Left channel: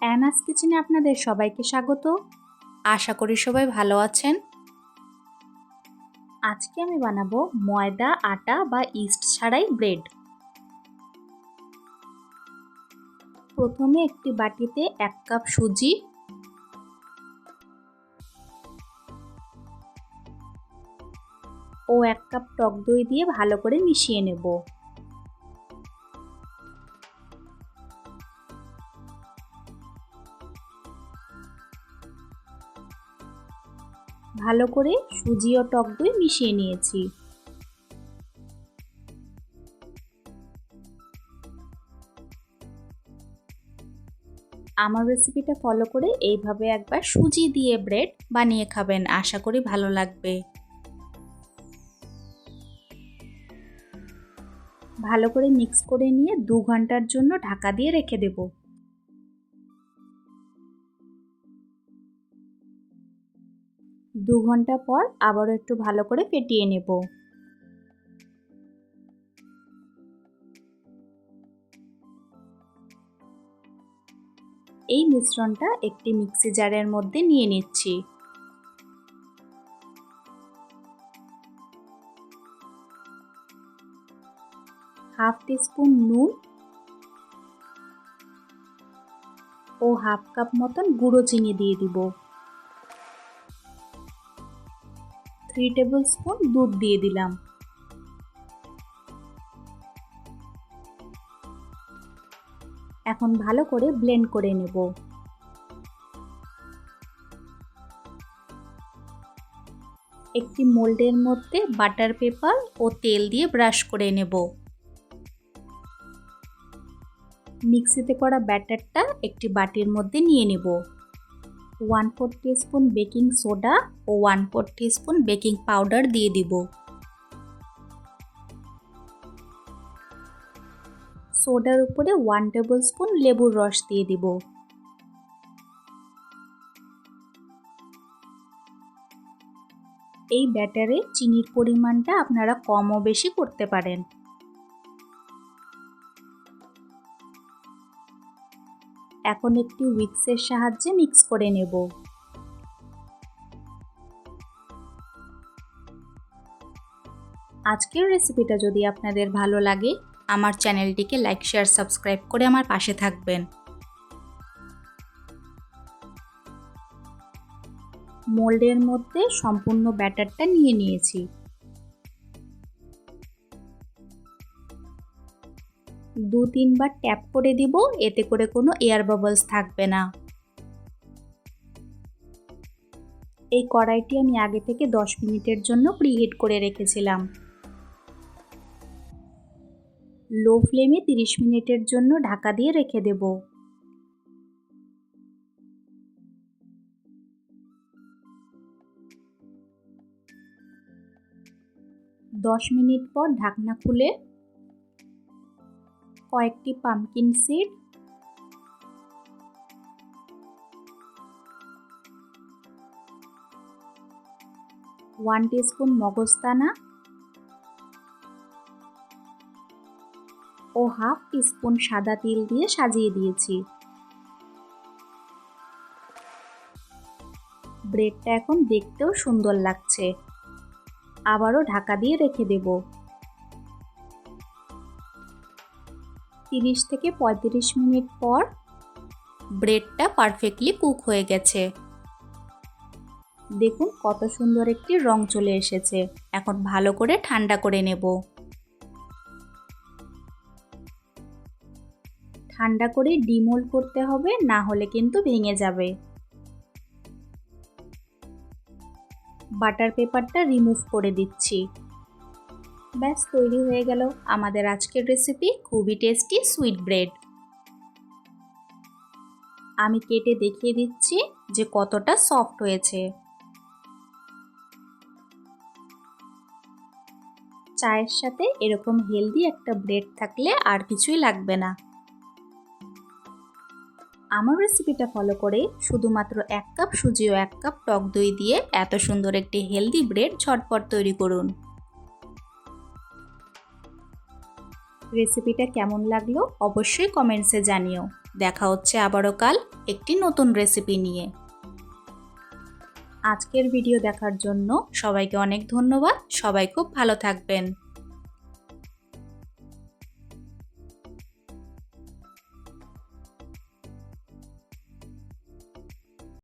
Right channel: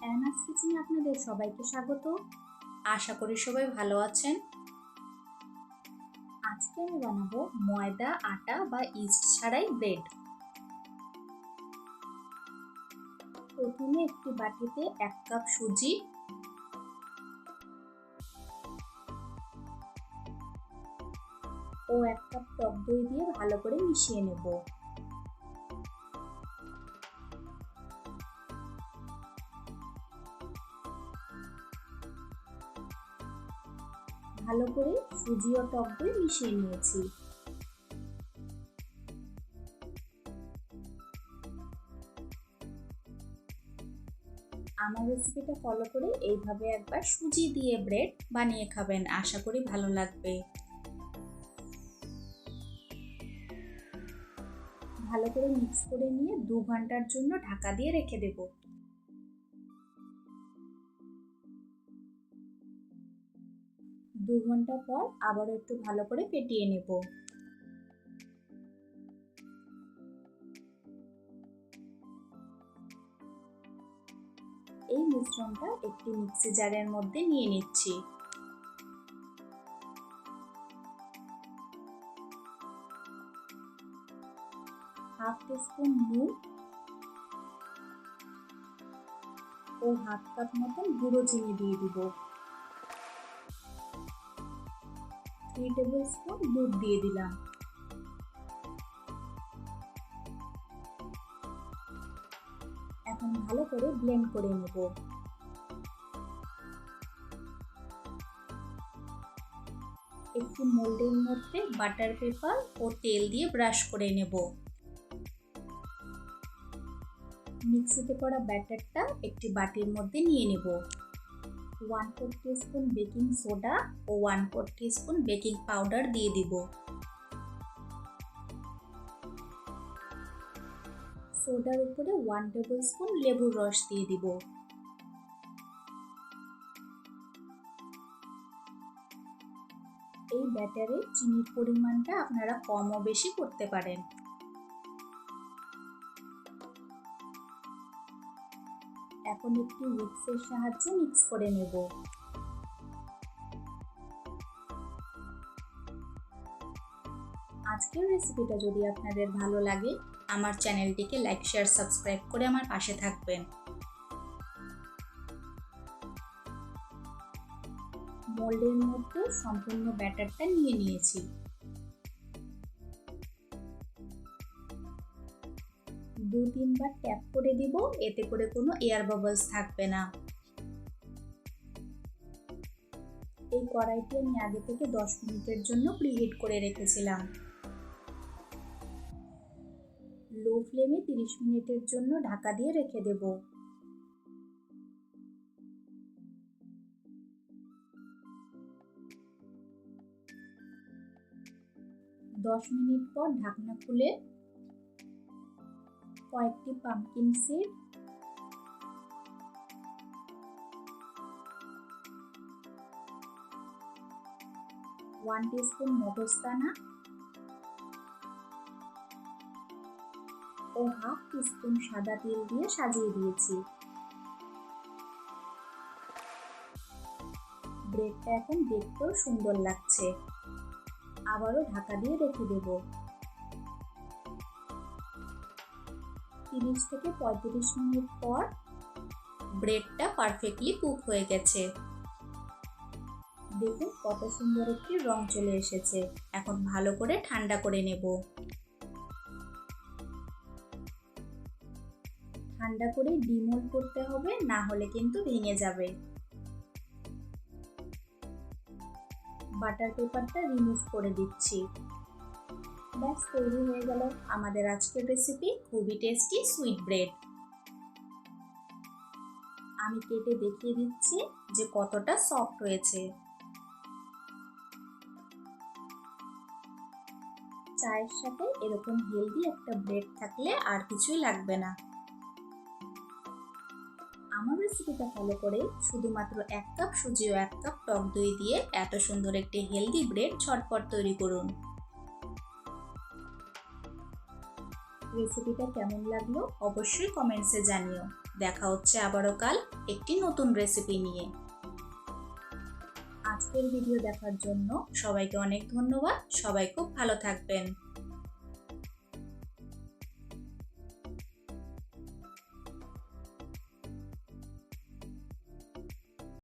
অ্যানাস কিচেনে আপনাদের সবাইকে স্বাগত। আশা করি সবাই ভালো আছেন। আজকে আমি বানাবো ময়দা আটা বা ইস্ট ছাড়াই ব্রেড। প্রথমে একটি বাটিতে এক কাপ সুজি। ও এক কাপ টক দই দিয়ে ভালো করে মিশিয়ে নেব। ভালো করে সুজি ও টক দই মিশিয়ে নিয়েছি। আমার রেসিপিটা ফলো করে এইভাবে একবার সুজি দিয়ে ব্রেড বানিয়ে খাবেন, আশা করি ভালো লাগবে। ভালো করে মিক্স করে নিয়ে দু ঘণ্টার জন্য ঢাকা দিয়ে রেখে দেব। দু ঘণ্টা পর আবারও একটু ভালো করে ফেটিয়ে নেব। এই মিশ্রণটা একটি মিক্সি জারের মধ্যে নিয়ে নিচ্ছি। হাফ টিস্পুন নুন ও হাফ কাপ মতন গুঁড়ো চিনি দিয়ে দিব। থ্রি টেবিল স্পুন দুধ দিয়ে দিলাম। এখন ভালো করে ব্লেন্ড করে নেব। একটি মোল্ডের মধ্যে বাটার পেপার ও তেল দিয়ে ব্রাশ করে নেব। মিক্সিতে করা ব্যাটারটা একটি বাটির মধ্যে নিয়ে নেব। One four spoon baking soda ও one four spoon baking powder দিয়ে দিব। সোডার উপরে ওয়ান টেবিল স্পুন লেবুর রস দিয়ে দিব। এই ব্যাটারে চিনির পরিমাণটা আপনারা কম ও বেশি করতে পারেন। এখন একটি উইক্সের সাহায্যে মিক্স করে নেব। আজকের রেসিপিটা যদি আপনাদের ভালো লাগে, আমার চ্যানেলটিকে লাইক, শেয়ার, সাবস্ক্রাইব করে আমার পাশে থাকবেন। মোল্ডের মধ্যে সম্পূর্ণ ব্যাটারটা নিয়ে নিয়েছি। দু তিনবার ট্যাপ করে দিব, এতে করে কোনো এয়ার বাবলস থাকবে না। এই কড়াইটি আমি আগে থেকে 10 মিনিটের জন্য প্রিহিট করে রেখেছিলাম। লো ফ্লেমে 30 মিনিটের জন্য ঢাকা দিয়ে রেখে দেব। দশ মিনিট পর ঢাকনা খুলে কয়েকটি পামকিন সিড ওয়ান টিস্পুন মগজদানা ও হাফ টিস্পুন সাদা তিল দিয়ে সাজিয়ে দিয়েছি। ব্রেডটা এখন দেখতেও সুন্দর লাগছে। আবারও ঢাকা দিয়ে রেখে দেব। তিরিশ থেকে পঁয়ত্রিশ মিনিট পর ব্রেডটা পারফেক্টলি কুক হয়ে গেছে। দেখুন কত সুন্দর একটি রং চলে এসেছে। এখন ভালো করে ঠান্ডা করে নেব। ঠান্ডা করে ডিমোল করতে হবে, না হলে কিন্তু ভেঙে যাবে। বাটার পেপারটা রিমুভ করে দিচ্ছি। ব্যাস, তৈরি হয়ে গেল আমাদের আজকের রেসিপি খুবই টেস্টি সুইট ব্রেড আমি কেটে দেখিয়ে দিচ্ছি যে কতটা সফট হয়েছে। চায়ের সাথে এরকম হেলদি একটা ব্রেড থাকলে আর কিছুই লাগবে না। আমার রেসিপিটা ফলো করে শুধুমাত্র এক কাপ সুজি ও এক কাপ টক দই দিয়ে এত সুন্দর একটি হেলদি ব্রেড ঝটপট তৈরি করুন। রেসিপিটা কেমন লাগল অবশ্যই কমেন্টসে জানিও। দেখা হচ্ছে আবারও কাল একটি নতুন রেসিপি নিয়ে। আজকের ভিডিও দেখার জন্য সবাইকে অনেক ধন্যবাদ। সবাই খুব ভালো থাকবেন।